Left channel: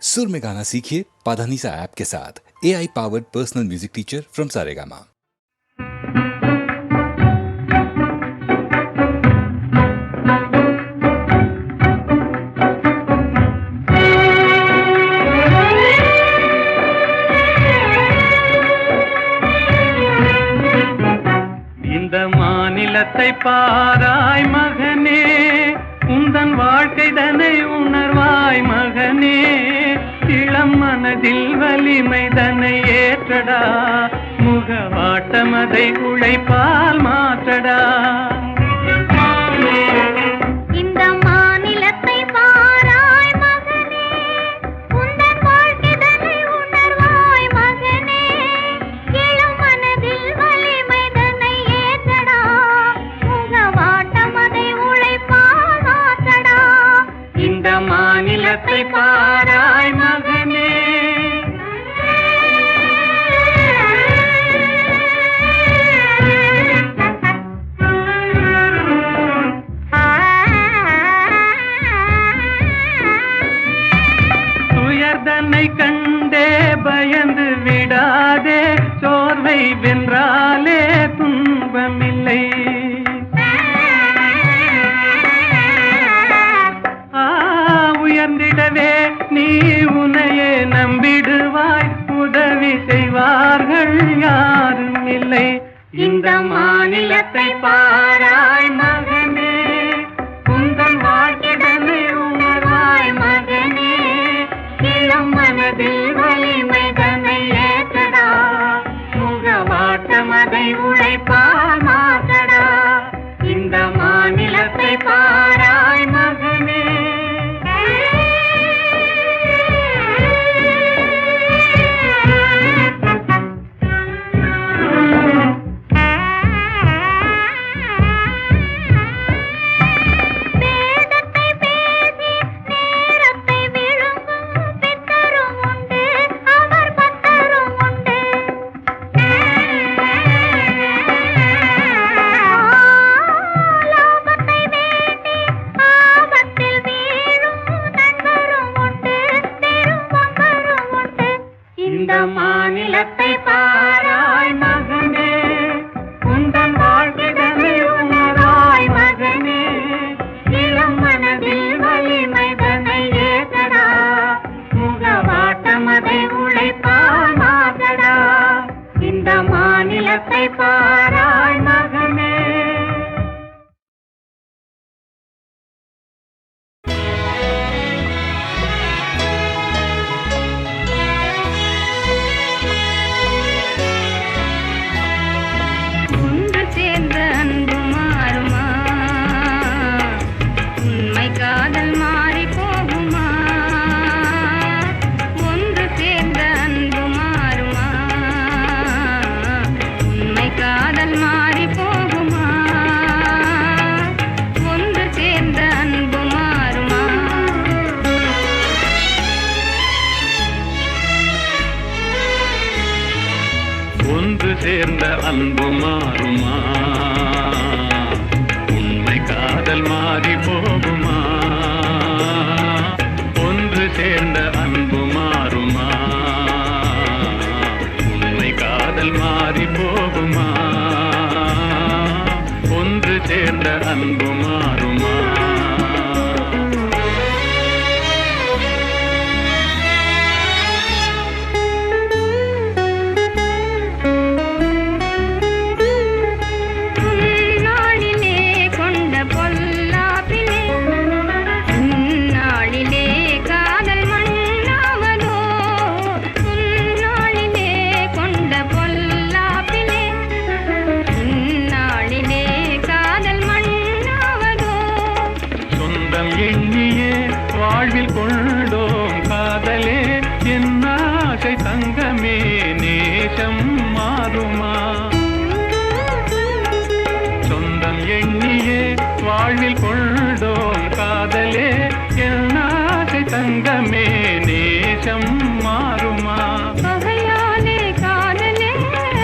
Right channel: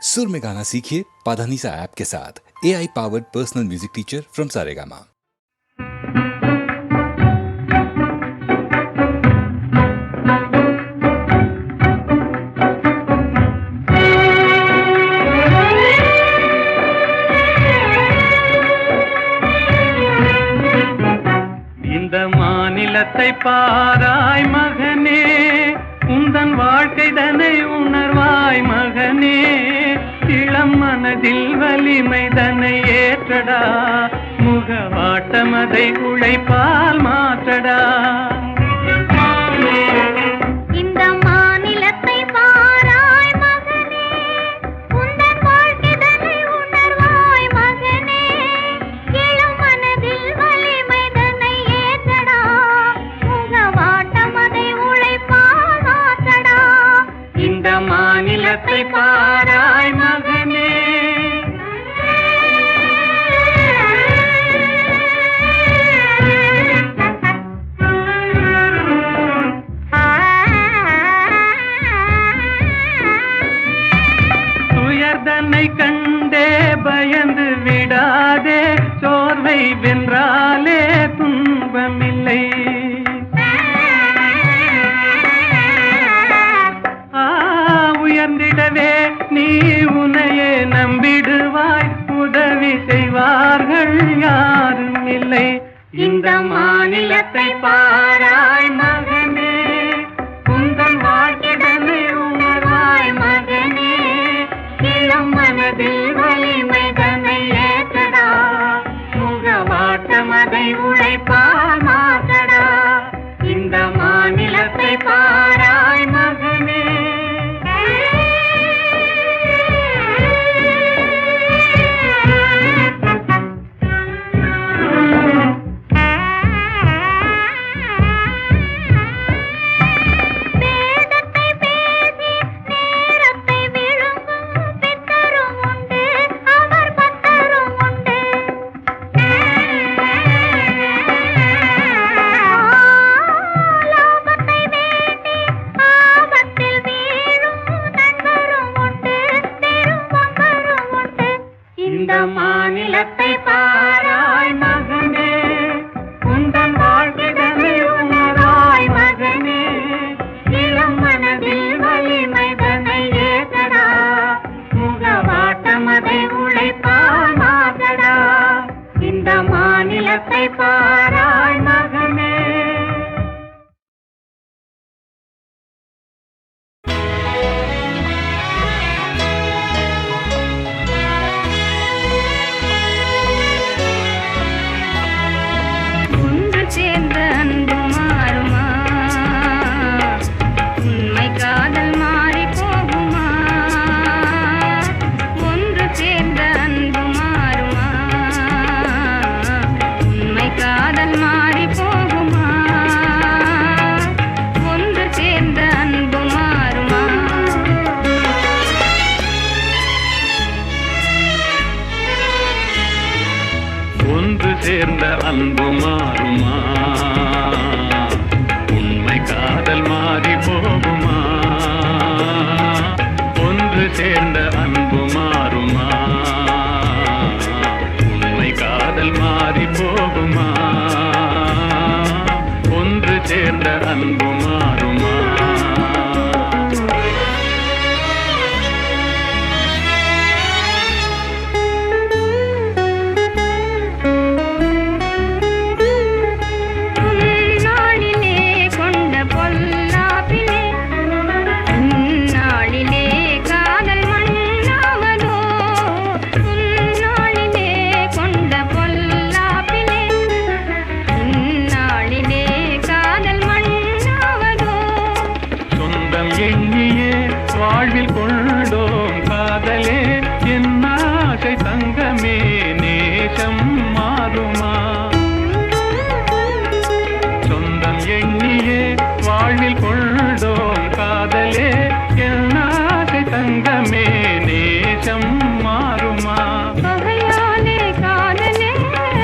सुर में गाना सीखिए पाधानीसा ऐप के साथ। AI powered personal music teacher from Saregama. இந்த மாநிலத்தை பாராய் மகனே, உந்தன் வாழ்க்கை தன்னை உணர்வாய் மகனே. இளம் மனதில் வலிமை தன்னை ஏற்றடா, முகவாட்டம் அதை உழைப்பால் மாற்றடா. இந்த மாநிலத்தை பாராய் மகனே, உந்தன் வாழ்க்கை தன்னை உணர்வாய் மகனே. இளம் மனதில் வலிமை தன்னை ஏற்றடா, முகவாட்டம் அதை உழைப்பால் மாற்றடா. இந்த மாநிலத்தை பாராய் மகனே. துயர்தனை கண்டே பயந்து விடாதே, சோர்வை வென்றாலே துன்பமில்லை. உயர்ந்திடவே நீ உன்னையே நம்பிடுவாய், உதவி செய்வார்கள் யாரும் இல்லை. இந்த மாநிலத்தை பாராய் மகனே, உந்தன் வாழ்க்கைதனை உணர்வாய் மகனே. இளம் மனதில் வலிமை தன்னை ஏற்றடா, முகவாட்டம் அதை உழைப்பால் மாற்றடா. இந்த மாநிலத்தை பாராய் மகனே. இந்த மாநிலத்தை பாராய் மகனே, உந்தன் வாழ்க்கைதனை உணராய் மகனே. இளம் மனதில் வலிமை தன்னை ஏற்றடா, முகவாட்டம் அதை உழைப்பால் மாற்றடா. இந்த மாநிலத்தை பாராய் மகனே. ஒன்று சேர்ந்த அன்பு மாறுமா, உண்மை காதல் மாறி போகுமா. ஒன்று சேர்ந்த அன்பு மாறுமா, உண்மை காதல் மாறி போகுமா. ஒன்று சேர்ந்த அன்பு மாறுமா. வாழ்வில் கொண்டோம் காதலே, என் ஆசை தங்கமே, நேசம் மாறுமா. சொந்தம் எண்ணியே வாழ்வில் கொண்டோம் காதலே, என் ஆசை தங்கமே, நேசம் மாறுமா. பகையாலே காதலே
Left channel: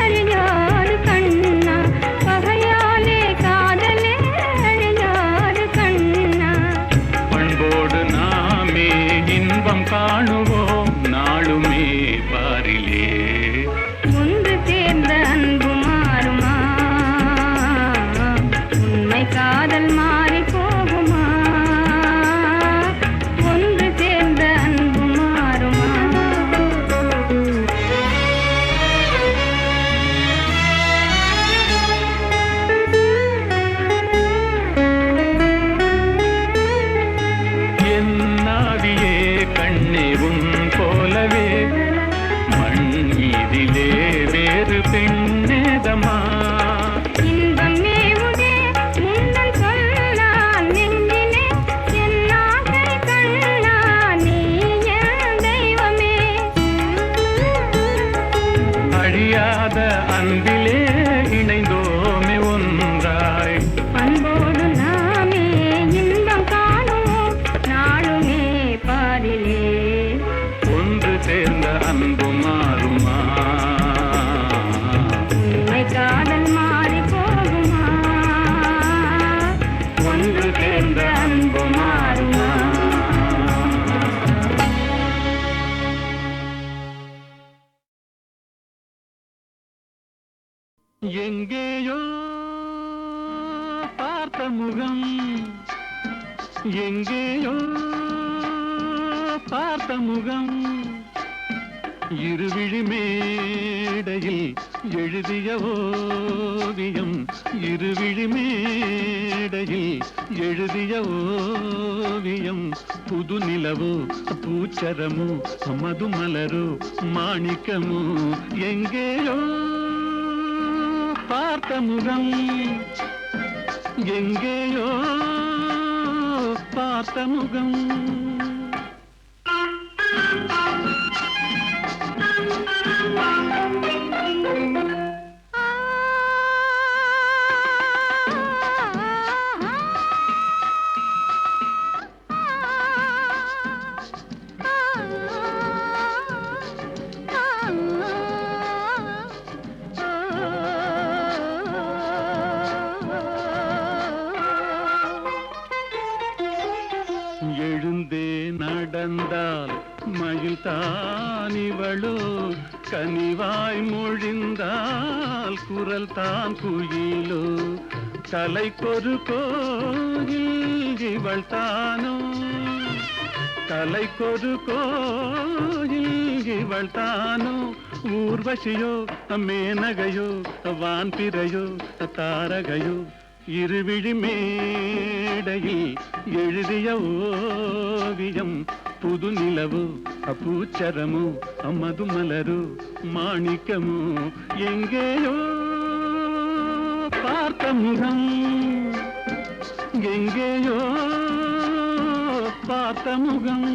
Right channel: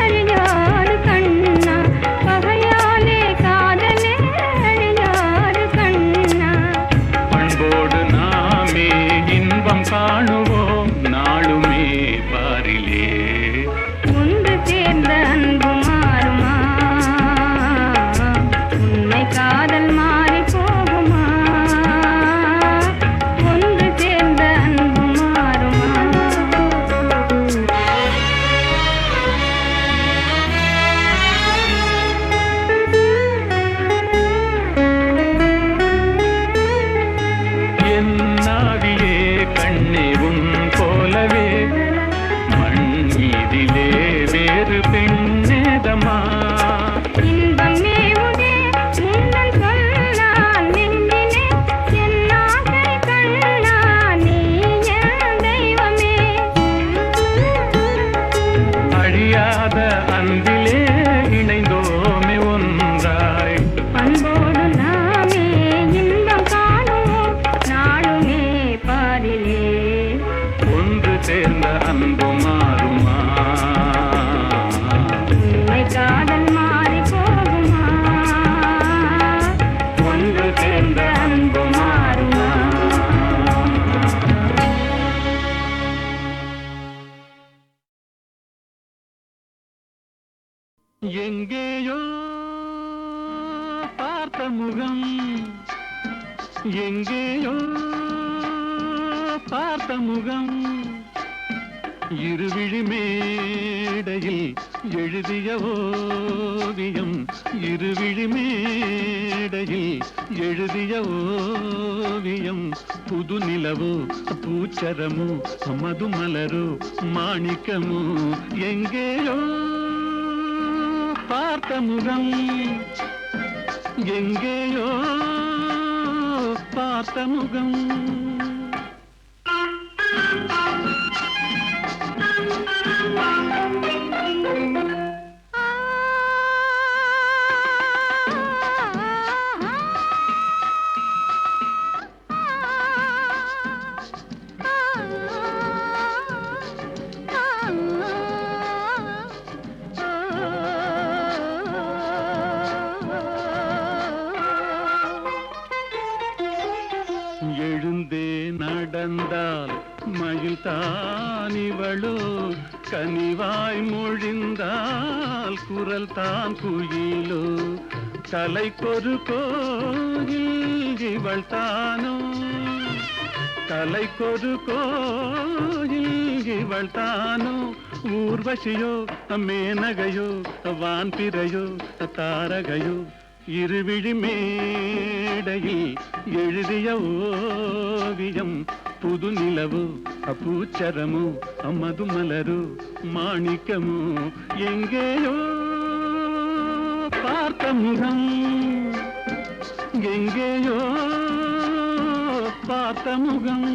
அழியாது கண்ணா, பகையாலே காதலே அழியாது கண்ணா. பண்போடு நாமே இன்பம் காணும் காணுவோம் நாளுமே பாரிலே. ஒன்று சேர்ந்த அன்பு மாறுமா? உண்மை காதல் மாறி போகுமா? ஒன்று சேர்ந்த அன்பு மாறுமா? என் நாவியே கண்ணே உன் போலவே மண் மீதிலே வேறு பெண்ணேதமா. இன்பம் மேவுதே முன்னன் சொல்லால் நெஞ்சிலே என் ஆசை கண்ணா நீ என் தெய்வமே. அழியாத அன்பிலே இணைந்தோமே ஒன்றாய். அன்போடு நாமே இன்பம் காணுவோம் நாளுமே பாரிலே. ஒன்று சேர்ந்த அன்பு மாறுமா? உண்மை காதல் மாறி போகுமா? ஒன்று சேர்ந்த அன்பு மாறுமா? எங்கேயோ பார்த்த முகம், எங்கேயோ பார்த்த முகம், இருவிழி மேடையில் எழுதிய ஓவியம், இருவிழி மேடையில் எழுதிய ஓவியம். புது நிலவோ பூச்சரமோ மதுமலரோ மாணிக்கமோ, எங்கேயோ பார்த்த முகம், எங்கேயோ பார்த்த முகம். எழுந்தே நடந்தால் மயில் தானிவளோ, கனிவாய் மொழிந்தால் குரல் தான் குயிலோ. கலைக்கொரு கோயில் இவள் தானோ, கலைக்கொரு கோயில் இவள் தானோ. ஊர்வசியோ மேனகையோ வான்பிறையோ தாரகையோ, இருவிழி மேடையில் எழுதிய ஓவியம். புது நிலவோ பூச்சரமோ மதுமலரோ மாணிக்கமோ, எங்கேயோ பார்த்த முகம், எங்கேயோ பார்த்த முகம்.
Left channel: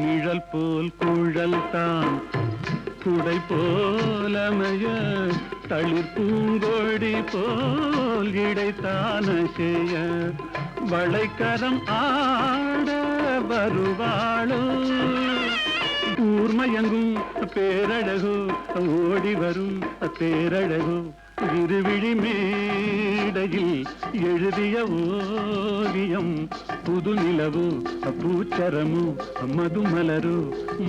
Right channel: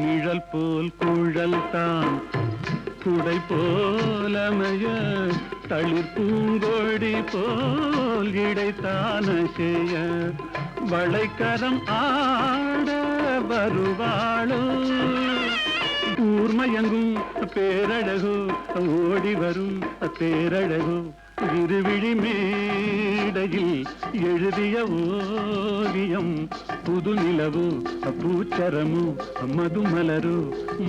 நிழல் போல் குழல் தான் குடை போலமைய, தளிர் பூங்கொடி போல் இடைத்தான செய்ய. வளைக்கரம் ஆட வருவாளோ, ஊர்மயங்கும் பேரழகோ ஓடி வரும் பேரழகோ. இருவிழி மேடையில் எழுதிய ஓவியம். புது நிலவோ பூச்சரமோ மதுமலரோ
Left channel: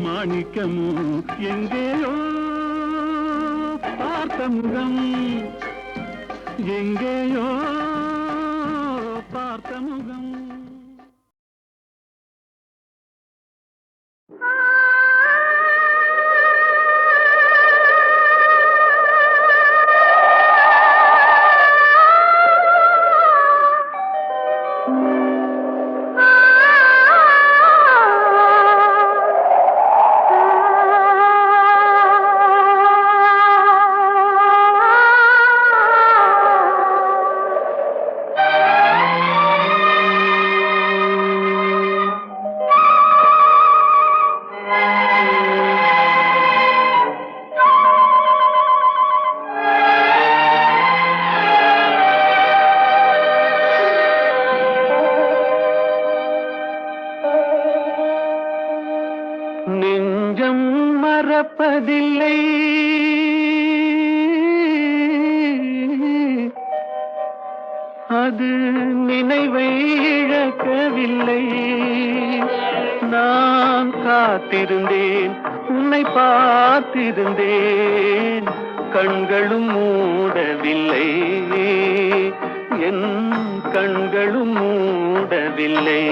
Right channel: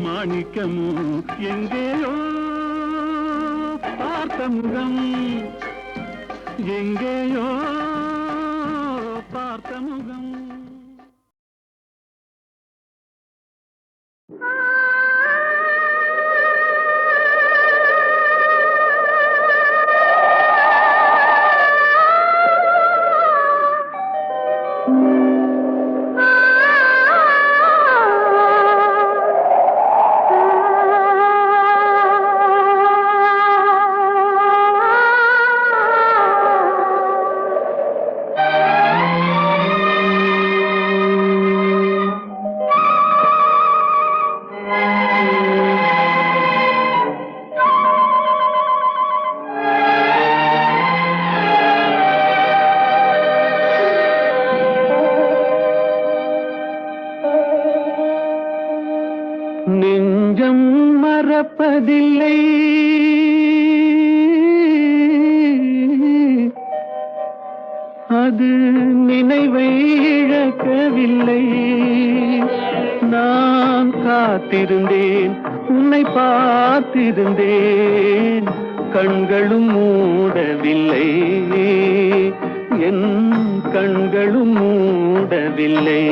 மாணிக்கமோ, எங்கேயோ பார்த்த முகம், எங்கேயோ பார்த்த முகம். நெஞ்சம் மறப்பதில்லை, அது நினைவை இழக்கவில்லை. நான் காத்திருந்தேன், உன்னை பார்த்திருந்தேன், கண்களும் மூடவில்லை, என் கண்களும் மூடவில்லை.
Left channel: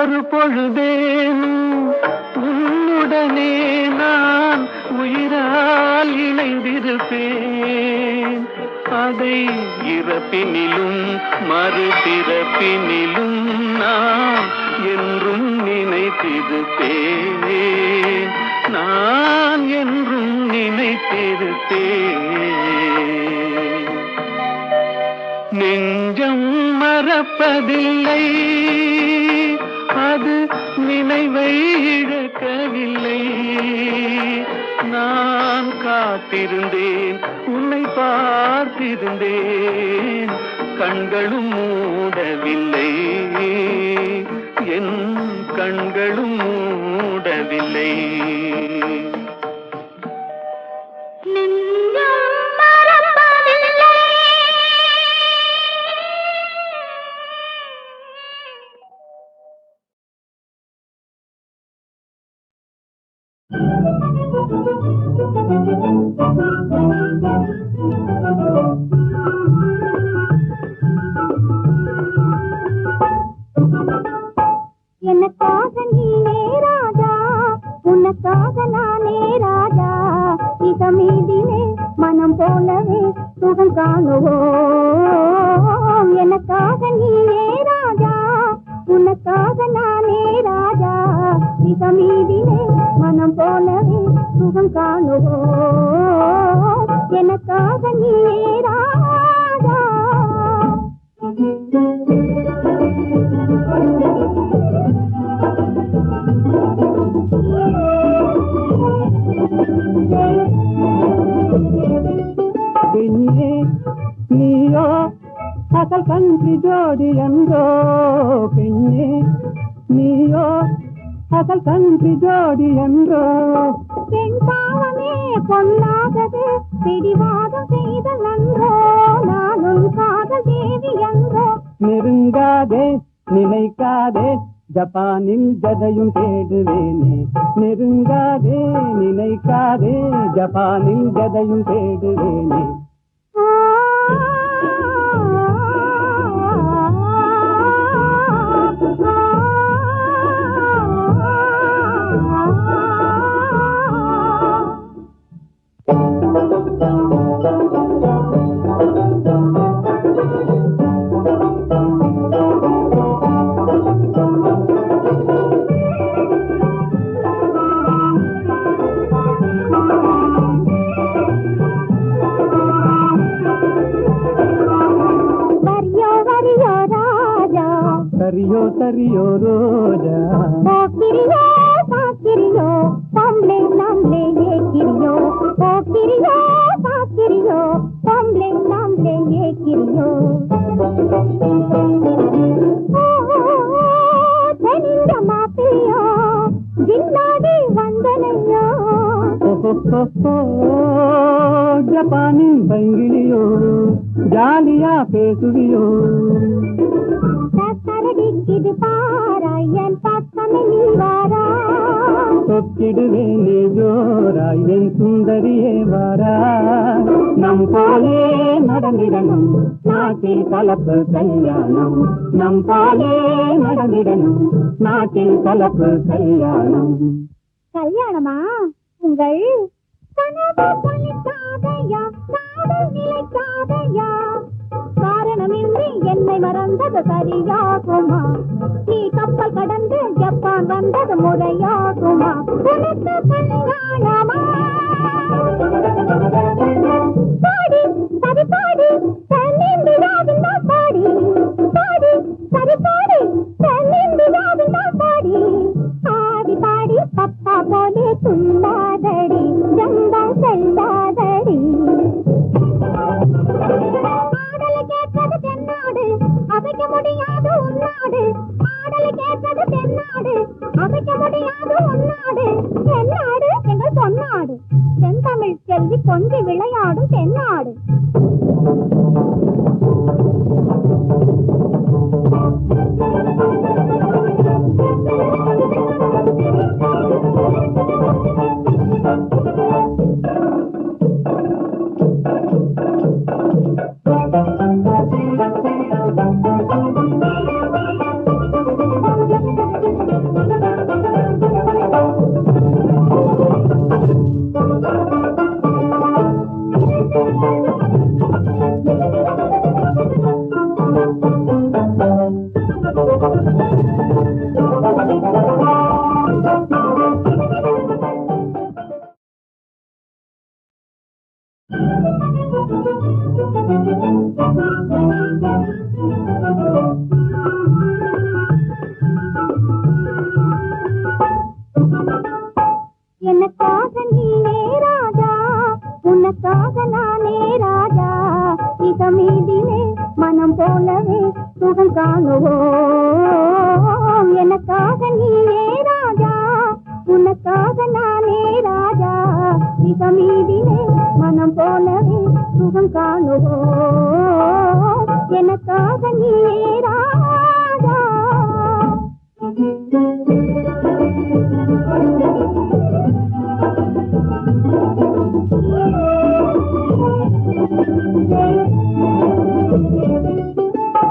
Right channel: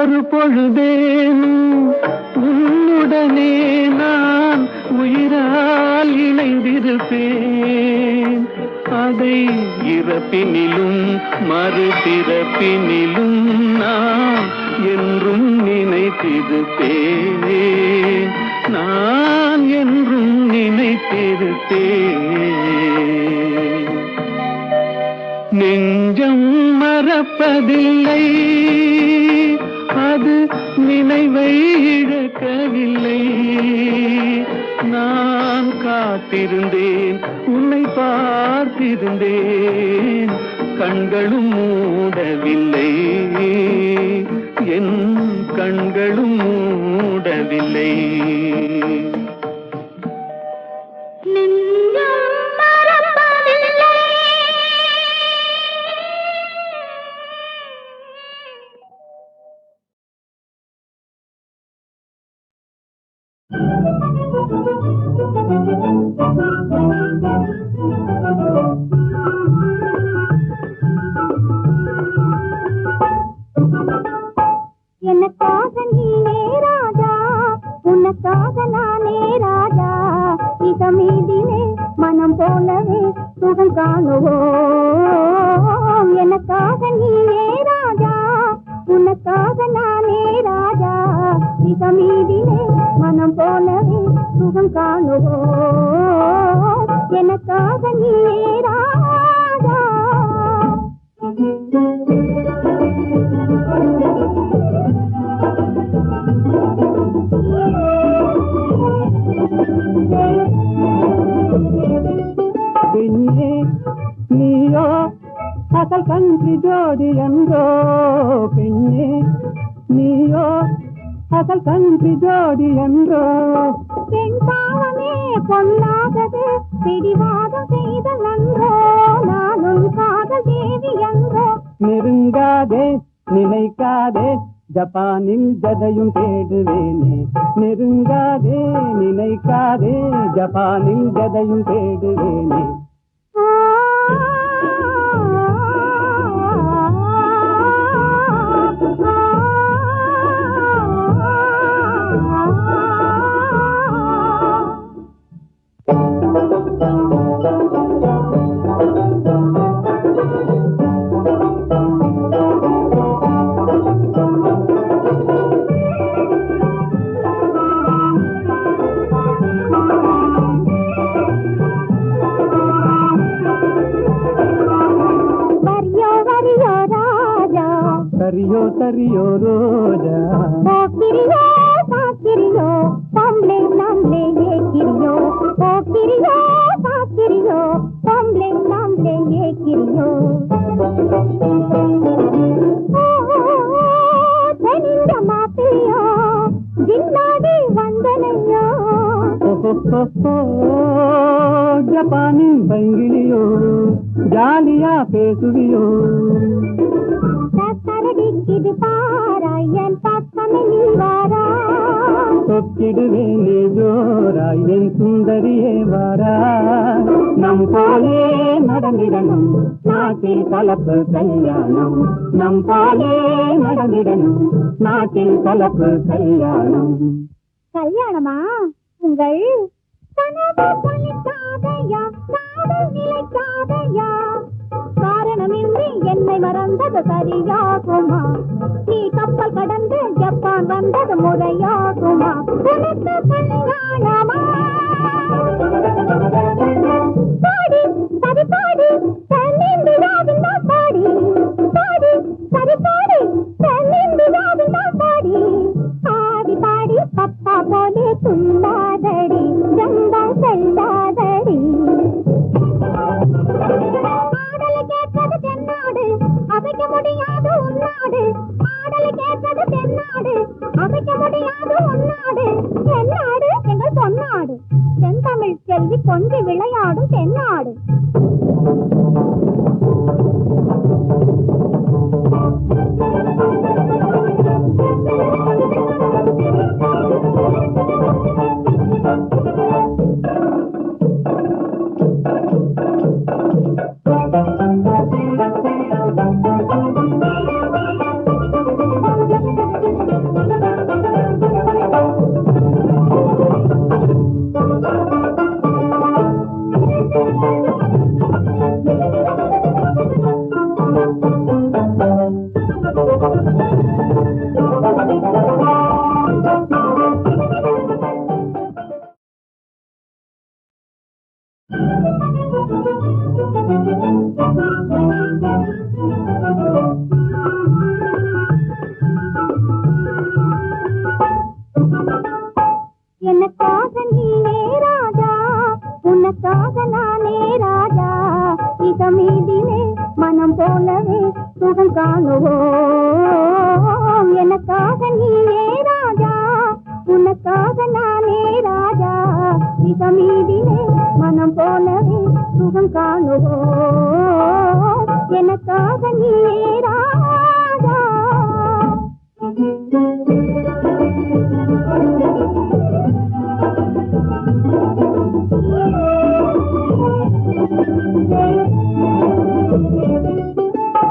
ஒரு பொழுதேனும் உன்னுடனே நான் உயிரால் இணைந்திருப்பேன். அதை இறப்பினிலும் மறுபிறப்பினிலும் நான் என்றும் நினைத்திருப்பேன், நான் என்றும் நினைத்திருப்பேன். நெஞ்சம் மறப்பதில்லை, அது நினைவை இழக்கவில்லை. நான் காத்திருந்தேன், உன்னை பார்த்திருந்தேன், கண்களும் மூடவில்லை, என் கண்களும் மூடவில்லை. எனக்காக நீனே ராஜா, உனக்காக நானே ராஜா, இதமீதிலே மனம் போலவே சுகம் காணுவோம். எனக்காக நீனே ராஜா, உனக்காக நானே ராஜா, இதமீதிலே மனம் போலவே சுகம் காணுவோம். எனக்காக நீனே ராஜா. பெண்ணே நீயோ அசல் கன்றி ஜோடி என்றோ, பெண்ணே நீயோ அசல் கன்றி ஜோடி என்றோ. பெண் பாவமே பொல்லாதது, பிடிவாதம் செய்த நன்றோ, நானும் காதல் தேவி என்றோ. நெருங்காதே நினைக்காதே, ஜப்பானில் ஜதையும் தேடுவேனே. நெருங்காதே நினைக்காதே, ஜப்பானில் ஜதையும் தேடுவேனே. ஆ சரியோ ரோஜா போக்கிரியோ சாக்கிரியோ பொம்பளை நாம்ளே ஏக்கிரியோ போக்கிரியோ சாக்கிரியோ பொம்பளை நாம்ளே ஏக்கிரியோ தெனிந்த மாப்பிள்ளையோ ஜில்லாடி வந்தனையோ ஜப்பானின் பைங்கிலியோ ஜாலியா பேசுவியோ சரடிக்குது பாராயன் பக்கமே நீ வாரா சொக்கிடுவேனே ஜோராய் என் சுந்தரியே வாரா நம் போலே நடந்திடணும் நாட்டில் கலப்பு கல்யாணம் நம் போலே நடந்திடணும் நாட்டில் கலப்பு கல்யாணம் கல்யாணமா உங்கள் கனவு பலிக்காதையா காதல் நிலைக்காதையா காரணமின்றி என்னை மறந்தது சரியாகுமா நீ கப்பல் கடந்து ஜப்பான் வந்தது முறையாகுமா உனக்கு கல்யாணமா பாடி சரி பாடி தென்னிந்தியாவின் பாடி பாடி சரி பாடி தென்னிந்தியாவின் பாடி ஆடி பாடி பப்பா போலே துள்ளாதடி ஜம்பா செல்லாதடி ஆடலை கேட்பது தென்னாடு அசைக்க முடியாது உன்னாடு ஆடலை கேட்பது தென்னாடு அசைக்க முடியாது உன்னாடு தென்னாடு எங்கள் பொன்னாடு தென்தமிழ் செல்வி கொஞ்சி விளையாடும் தென்னாடு எனக்காக நீனே ராஜா உனக்காக நானே ராஜா இதமீதிலே மனம் போலவே சுகம் காணுவோம் எனக்காக நீனே ராஜா உனக்காக நானே ராஜா இதமீதிலே மனம் போலவே சுகம் காணுவோம் எனக்காக நீனே ராஜா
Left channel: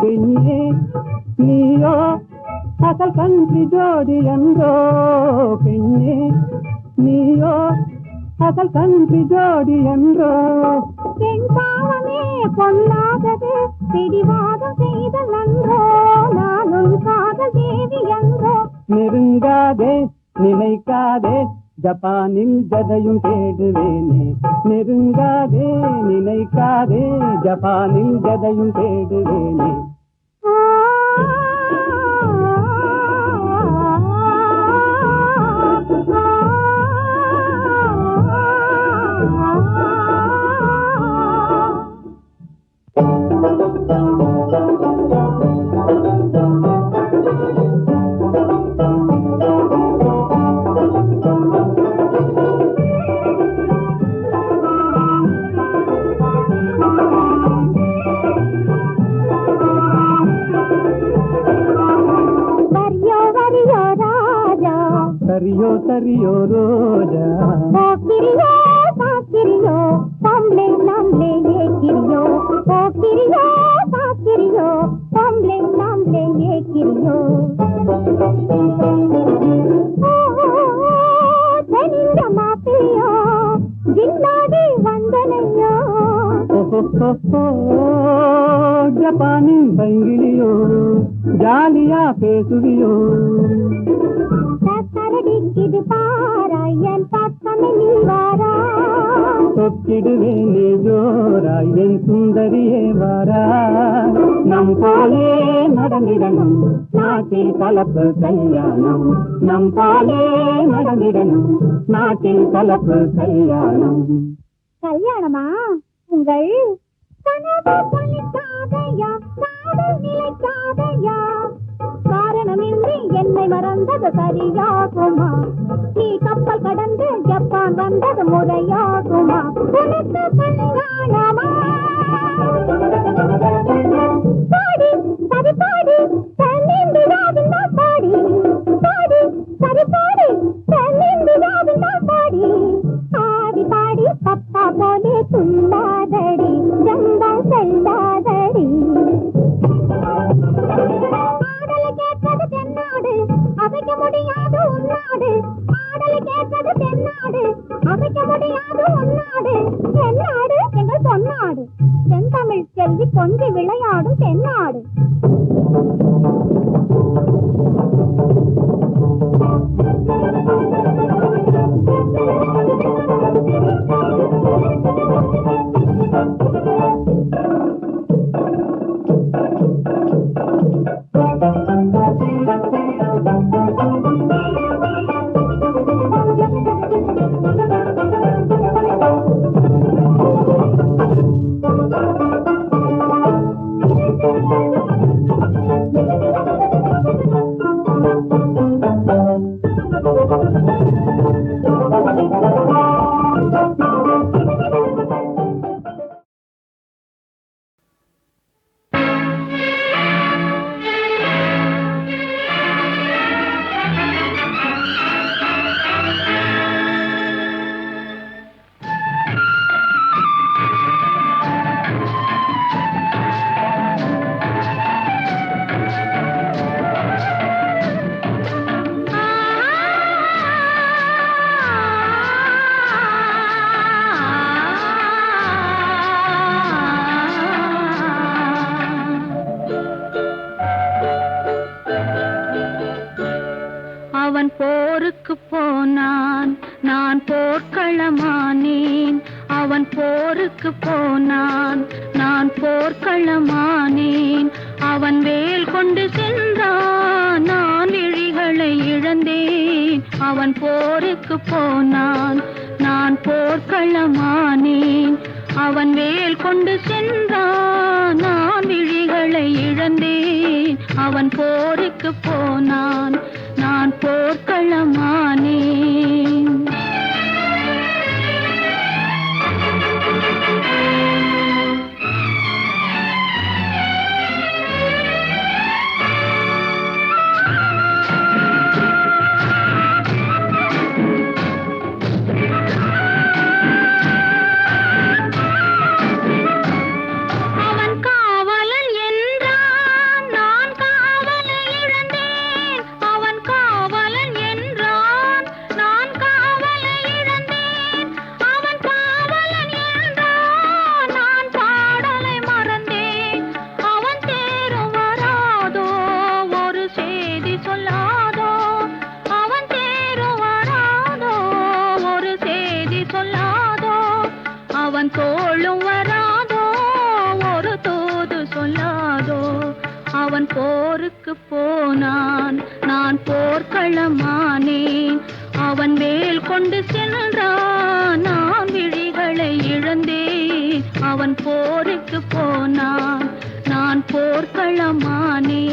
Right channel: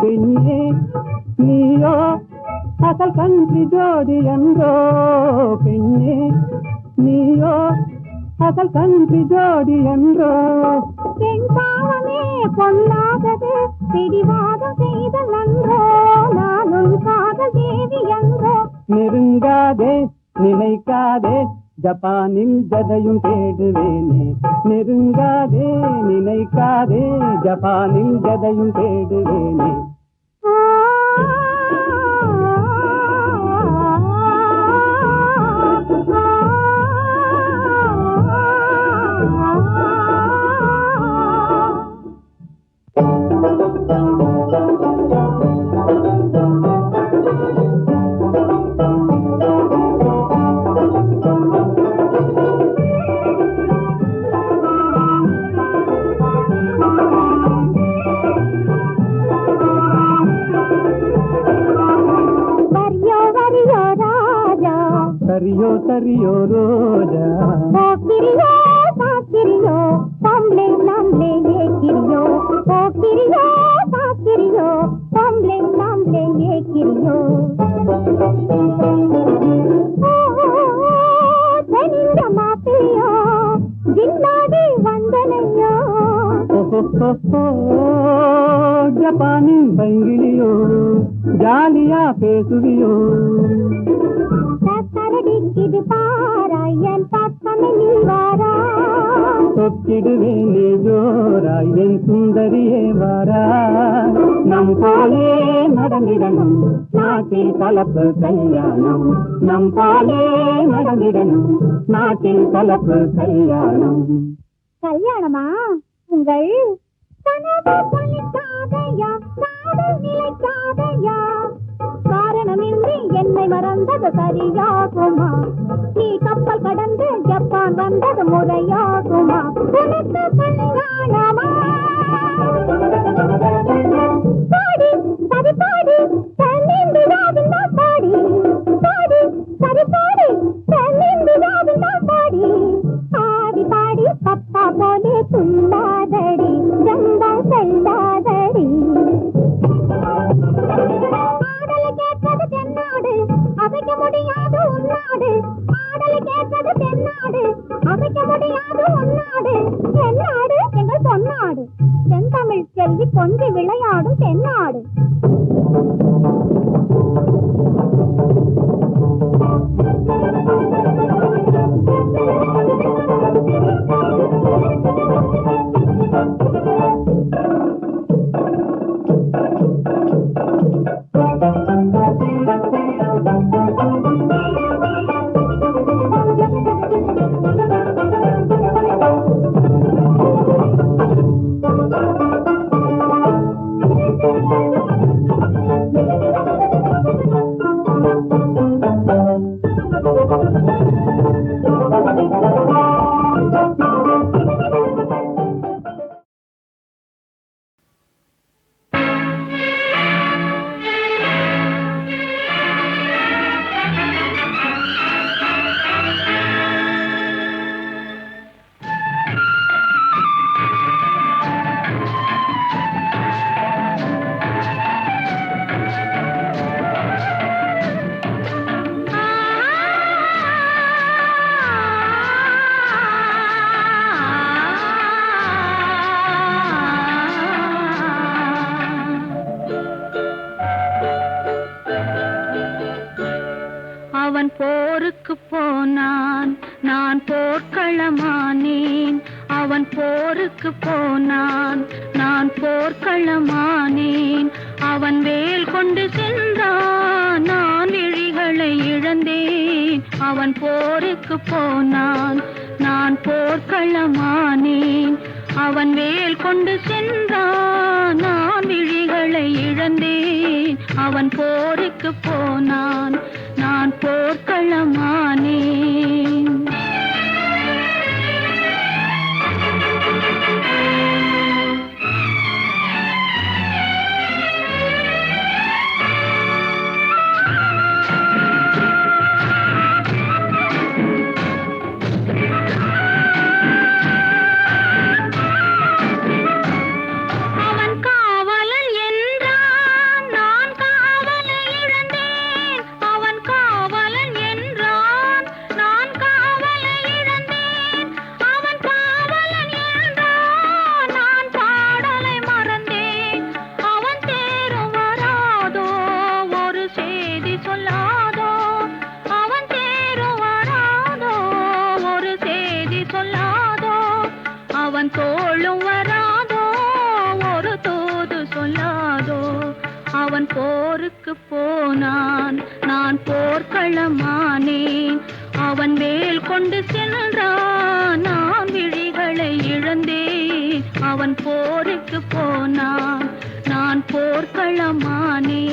பெண்ணே நீயோ அசல் கன்றி ஜோடி என்றோ பெண்ணே நீயோ அசல் கன்றி ஜோடி என்றோ பெண் பாவமே பொல்லாதது பிடிவாதம் செய்தல் நன்றோ நானும் காதல் தேவி என்றோ நெருங்காதே நினைக்காதே ஜப்பானில் ஜதையும் தேடுவேனே நெருங்காதே நினைக்காதே ஜப்பானில் ஜதையும் தேடுவேனே சரியோ ரோஜா போக்கிரியோ சாக்கிரியோ பொம்பளை நாம்ளே ஏக்கிரியோ போக்கிரியோ சாக்கிரியோ பொம்பளை நாம்ளே ஏக்கிரியோ தெனிந்த மாப்பிள்ளையோ ஜில்லாடி வந்தனையோ ஜப்பானின் பைங்கிலியோ ஜாலியா பேசுவியோ சரடிக்குது பாராயன் பக்கமே நீ வாரா சொக்கிடுவேனே ஜோராய் என் சுந்தரியே வாரா நம் போலே நடந்திடணும் நாட்டில் கலப்பு கல்யாணம் நம் பாலே நடந்திடணும் நாட்டில் கலப்பு கல்யாணம் கல்யாணமா உங்கள் கனவு பலிக்காதையா காதல் நிலைக்காதையா காரணமின்றி என்னை மறந்தது சரியாகுமா நீ கப்பல் கடந்து ஜப்பான் வந்தது முறையாகுமா உனக்கு கல்யாணமா பாடி சரி பாடி தென்னிந்தியாவின் பாடி பாடி சரி பாடி தென்னிந்தியாவின் பாடி பாடி பாடி பப்பா போலே துள்ளாதடி ஜம்பா செல்லாதடி ஆடலை கேட்பது தென்னாடு அசைக்க முடியாது உன்னாடு ஆடலை கேட்பது தென்னாடு அசைக்க முடியாது உன்னாடு தென்னாடு எங்கள் பொன்னாடு தென்தமிழ் செல்வி கொஞ்சி விளையாடும் தென்னாடு அவன் போருக்கு போனான் நான் போர்க்களமானேன் அவன் போருக்கு போனான் நான் போர்க்களமானேன் அவன் வேல் கொண்டு சென்றான் நான் விழிகளை இழந்தேன் அவன் போருக்கு போனான் நான் போர்க்களமானேன் அவன் வேல் கொண்டு சென்றான் நான் விழிகளை இழந்தேன் அவன் போருக்கு போனான் நான் போர்க்களமானேன் அவன் தோளும் வராதோ ஒரு தூது சொல்லாதோ அவன் போருக்கு போனான் நான் போர்க்களமானேன் அவன் வேல் கொண்டு சென்றான் நான் விழிகளை இழந்தேன் அவன் போருக்கு போனான் நான் போர்க்களமானேன்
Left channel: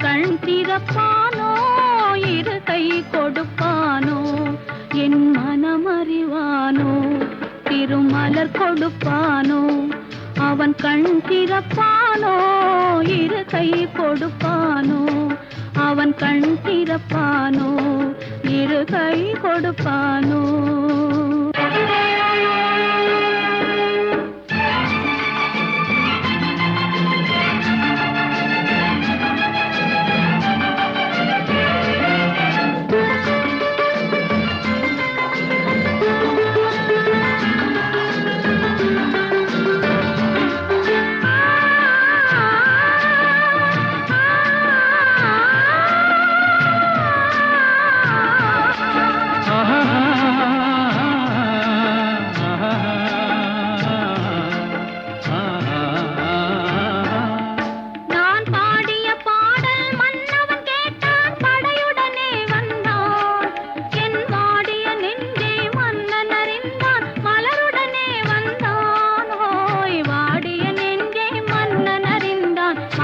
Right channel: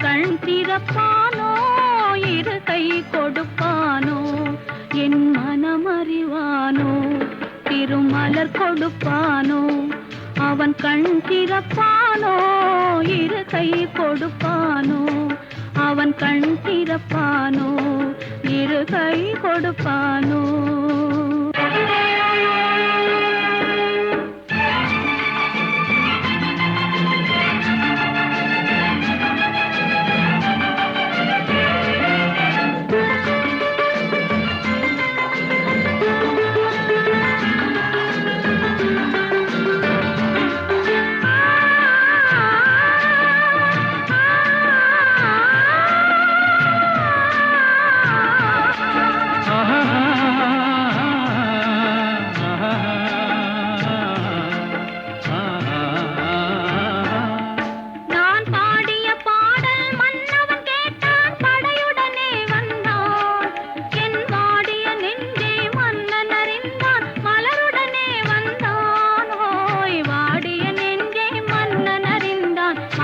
கண் திறப்பானோ இரு கை கொடுப்பானோ என் மனமறிவானோ திருமலர் கொடுப்பானோ அவன் கண் திறப்பானோ இரு கை கொடுப்பானோ அவன் கண் திறப்பானோ இரு கை கொடுப்பானோ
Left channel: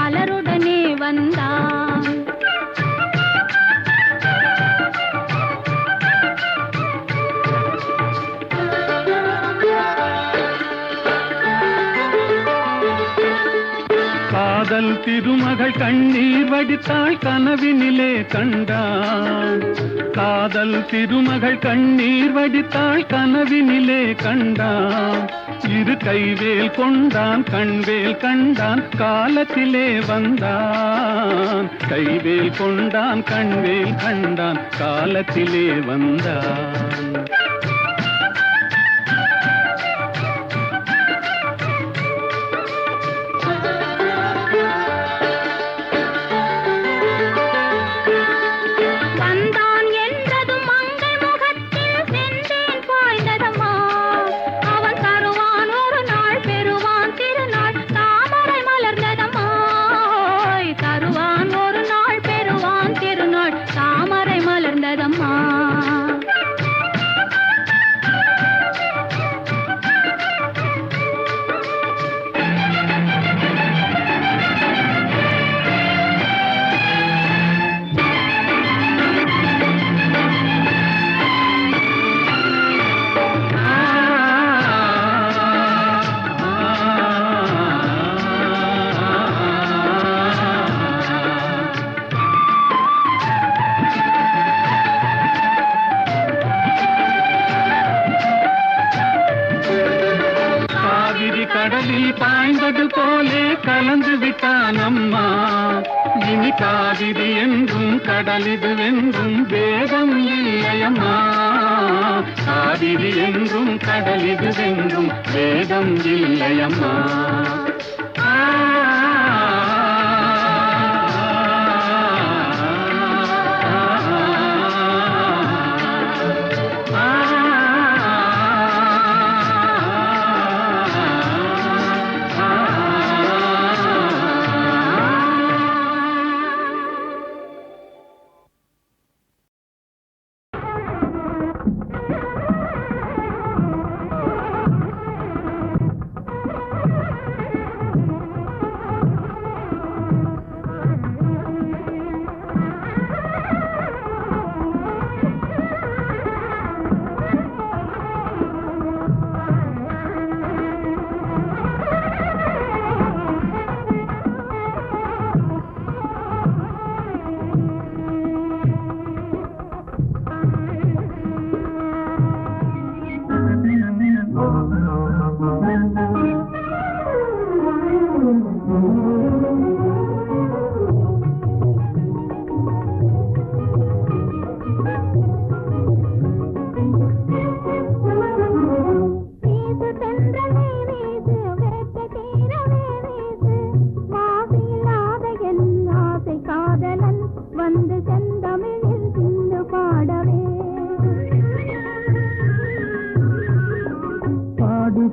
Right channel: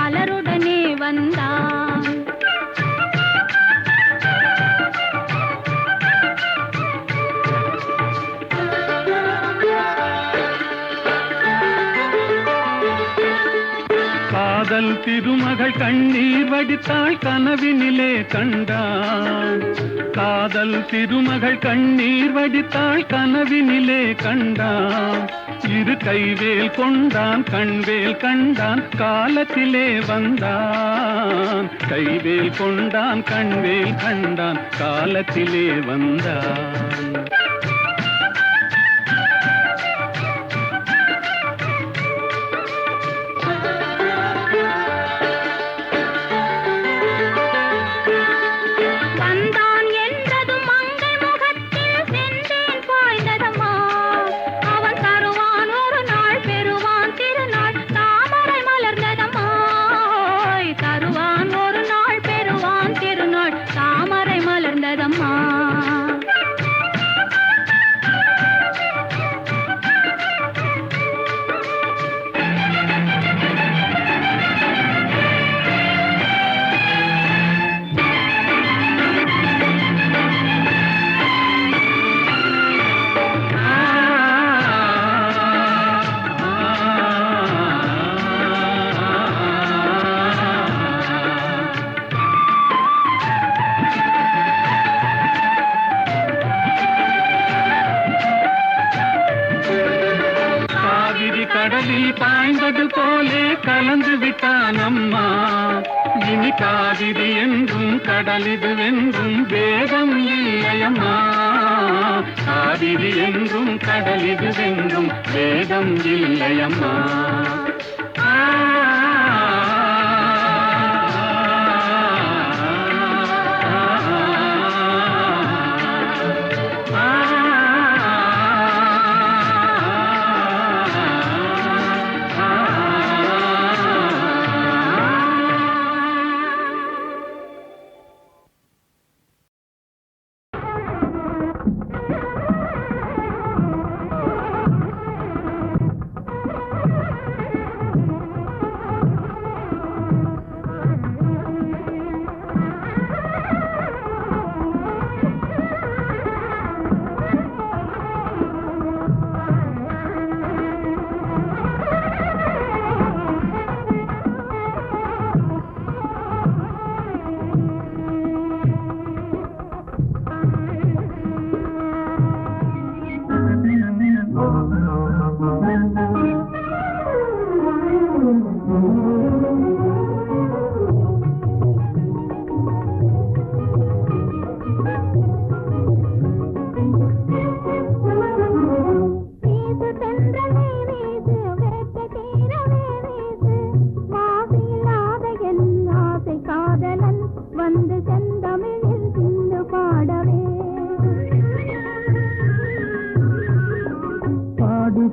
பலருடனே வந்தான். காதல் திருமகள் கண்ணீர் வடித்தாள் கனவினிலே கண்டான். காதல் திருமகள் கண்ணீர் வடித்தாள் கனவினிலே கண்டான். இரு கைவேல் கொண்டான் கண்வேல் கண்டான் காலத்திலே வந்தான். கைவேல் கொண்டான் கண்வேல் கண்டான் காலத்திலே வந்தான். தாமரை மலர்ந்ததம்மா. பாய்ந்தது போலே கலந்து விட்டான் அம்மா. இனி காவிரி என்றும் கடலிது என்றும் வேதம் இல்லையம்மா. காவிரி என்றும் கடலிது என்றும் வேதம் இல்லையம்மா.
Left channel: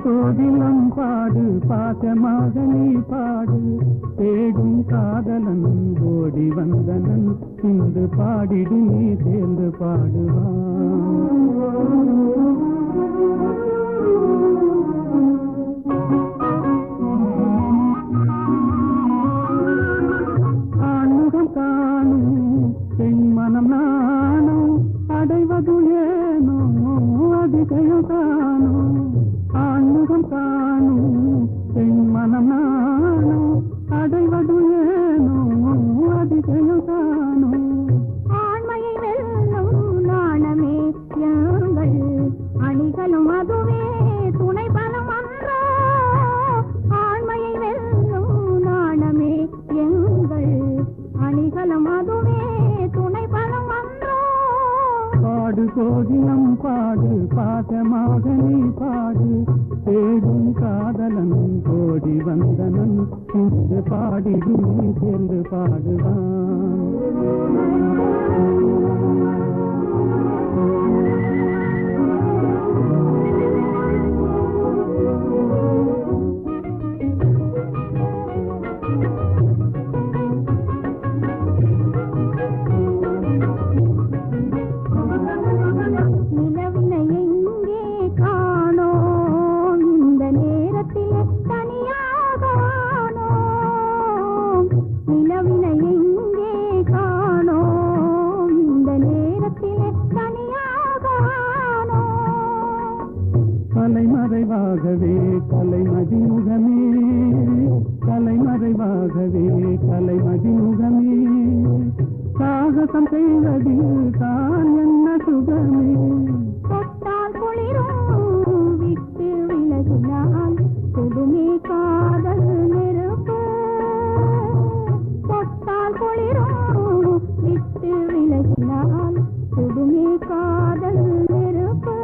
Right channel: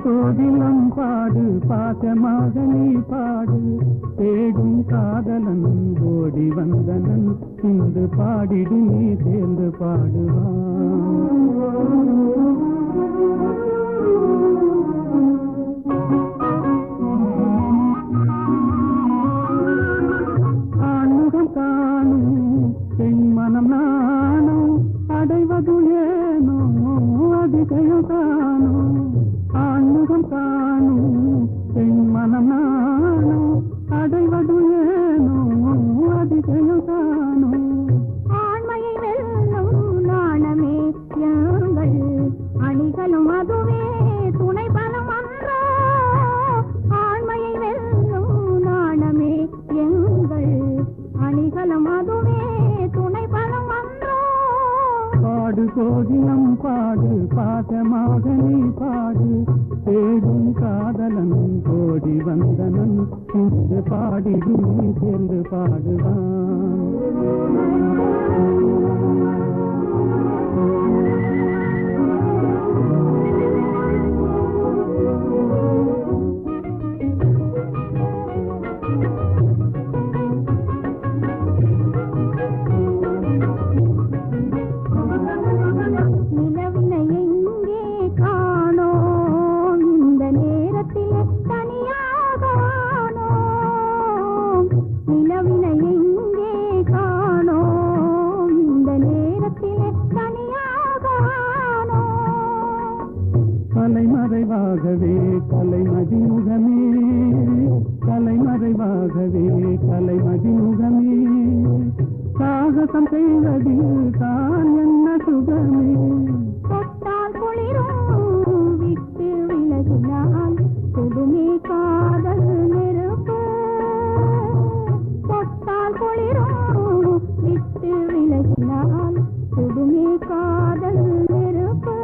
கோதிலம் பாடு பாசமாக நீ பாடு. தேடும் காதலன் ஓடி வந்தனன் இன்று பாடிடு நீ சேர்ந்து பாடுவான். ஆண்முகம் காணும் என் மனம் நானும் அடைவது ஏனோ அதிசயம் காணும். ஆண்முகம் காணும் என் மனம் நானும் அடைவது ஏனோ அதிசயம் காணும். ஆண்மையை வெல்லும் நாணமே யாங்கள் அணிகளும் அதுவே துணை பலம் அன்றோ. ஆண்மையை வெல்லும் நாணமே எங்கள் அணிகளும் அதுவே துணை பலம் அன்றோ. பாடு கோதிலம் பாடு பாசமாக நீ பாடு. தேடும் காதலன் கோடி வந்தனன் இன்று பாடிடு நீ சேர்ந்து பாடுவான். ஆகவே கலைமதி முகமே சாகசம் செய்வதில் தான் என்ன சுகமே தொட்டால் குளிரும் விட்டு விலகினால் கொடுமே காதல் நெருப்பு தொட்டால் குளிரும் விட்டு விலகினால் கொடுமே காதல் நெருப்பு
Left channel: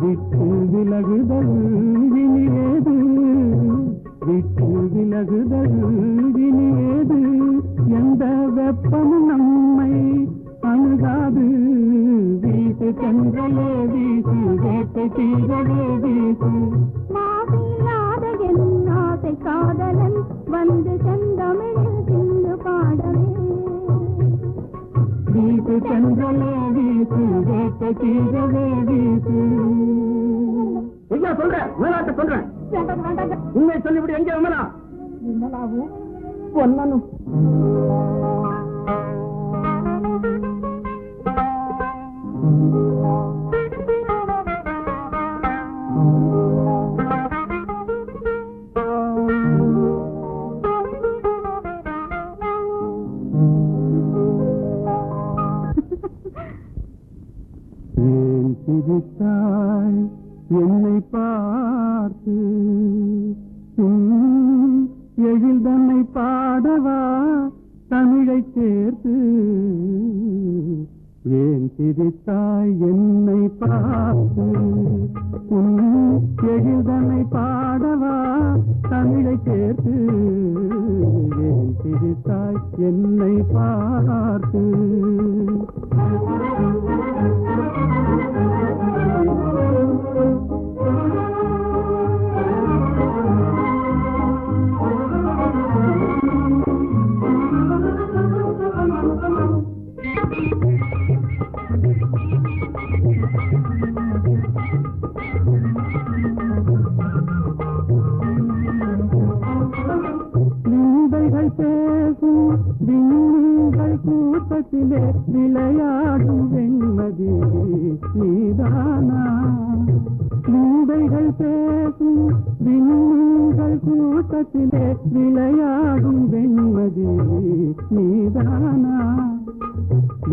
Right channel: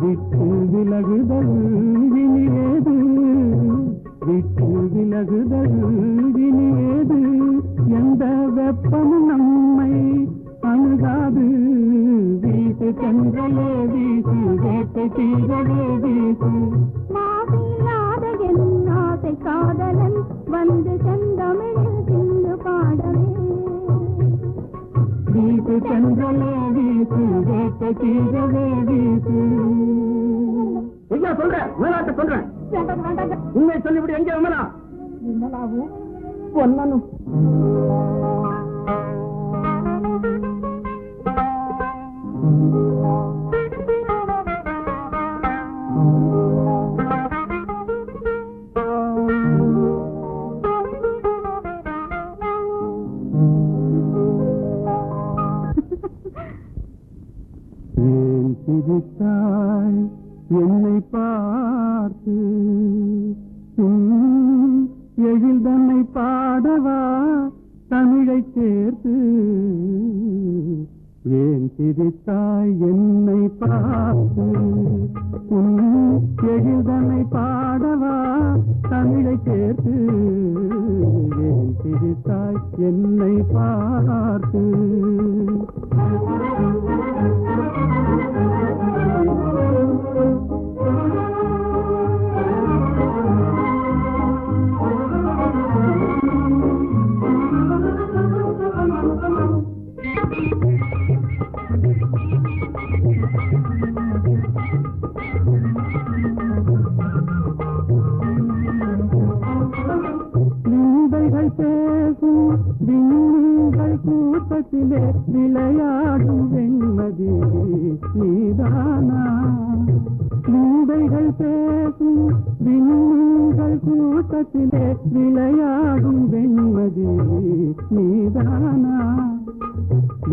விட்டு விலகுதல் இனியேது விட்டு விலகுதல் இனியேது எந்த வெப்பமும் நம்மை அணுகாது வீட்டு சென்றலே வீசு வேட்டை தீரவே வீசு மாசில்லாத என் ஆசை காதலன் வந்து செந்தமிழில் சிந்து பாடவே வீட்டு சென்றலே வீசு வேட்டை தீரவே வீசு ஐயா சொல்றேன் மேலாட்ட சொல்றேன் வேண்டாம் வேண்டாம் உண்மை சொல்லிவிடு எங்கே விமலா விமலாவும் பொன்னனும் ஏன் சிரித்தாய் என்னை பார்த்து எழில் தன்னை பாடவா தமிழை சேர்த்து ஏன் சிரித்தாய் என்னை பார்த்து எழில் தன்னை பாடவா தமிழை சேர்த்து ஏன் சிரித்தாய் என்னை பார்த்து நிந்தைகள் பேசும் விண்மீன்கள் கூட்டத்திலே விளையாடும் வெண்மதி நீதானா நிந்தைகள் பேசும் விண்மீன்கள் கூட்டத்திலே விளையாடும் வெண்மதி நீதானா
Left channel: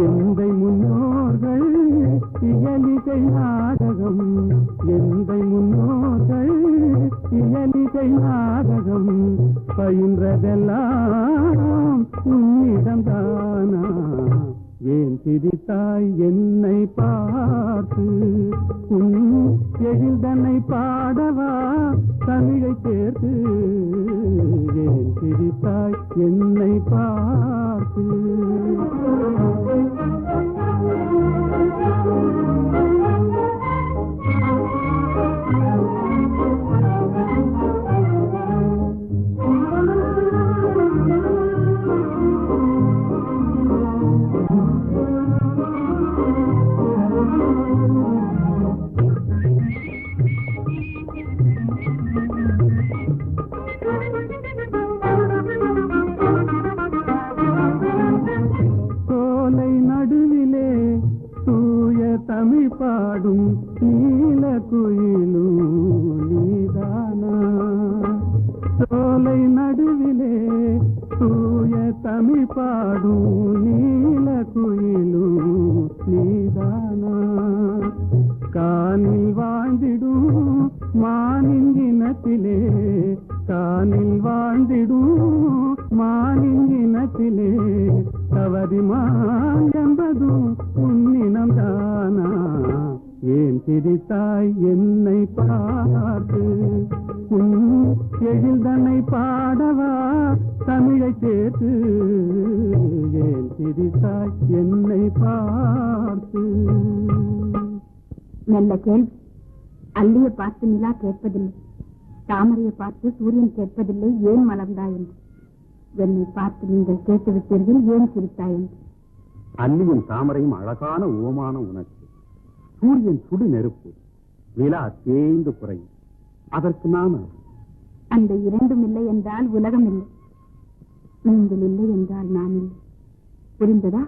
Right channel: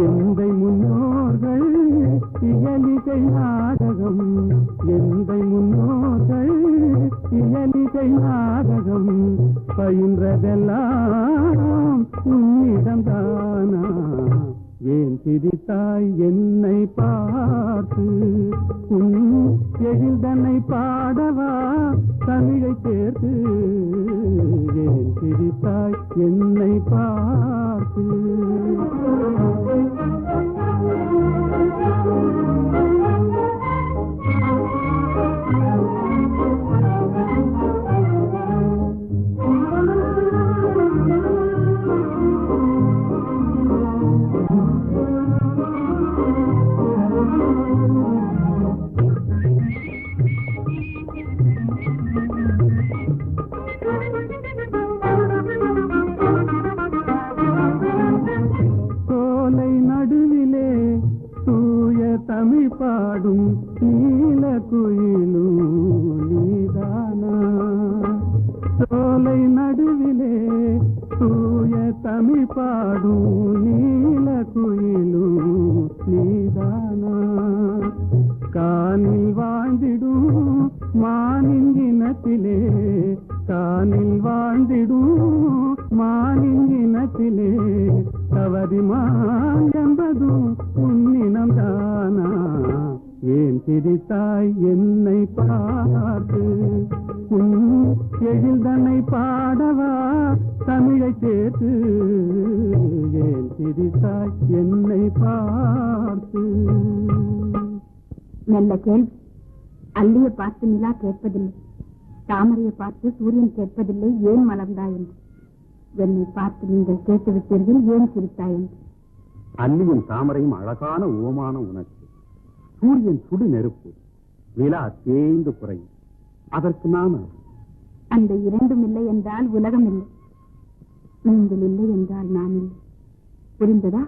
எந்தை முன்னோர்கள் இயலிசை நாடகம் எந்தை முன்னோர்கள் இயலிசை நாடகம் பயின்றதெல்லாம் உன்னிடம்தானா ஏன் சிரித்தாய் என்னை பார்த்து உன் எழில் தன்னை பாடவா தமிழை சேர்த்து ஏன் சிரித்தாய் என்னை பார்த்து சோலை நடுவிலே தூய தமிழ் பாடும் நீல குயிலும் நீதானா சோலை நடுவிலே தூய தமிழ் பாடும் நீல குயிலும் நீதானா காணில் வாழ்ந்திடும் மானின் இனத்திலே காணில் வாழ்ந்திடும் மானின் இனத்திலே தவறிமான் என்பதும் உன்னினம் தானா ஏன் சிரித்தாய் என்னை பார்த்து உன் எழில் தன்னை பாடவா தமிழை சேர்த்து ஏன் சிரித்தாய் என்னை பார்த்து நல்ல கேள்வி அல்லியை பார்த்து நிலா கேட்பதில்லை தாமரையை பார்த்து சூரியன் கேட்பதில்லை ஏன் மலர்ந்தாய் என்று என்னை பார்த்து நீங்கள் கேட்டுவிட்டீர்கள் ஏன் சிரித்தாய் என்று அல்லியும் தாமரையும் அழகான உவமான உனக்கு சூரியன் சுடு நெருப்பு நிலா தேய்ந்து குறையும் அதற்கு நான் அந்த இரண்டும் இல்லை என்றால் உலகம் இல்லை நீங்கள் இல்லை என்றால் நான் இல்லை புரிந்ததா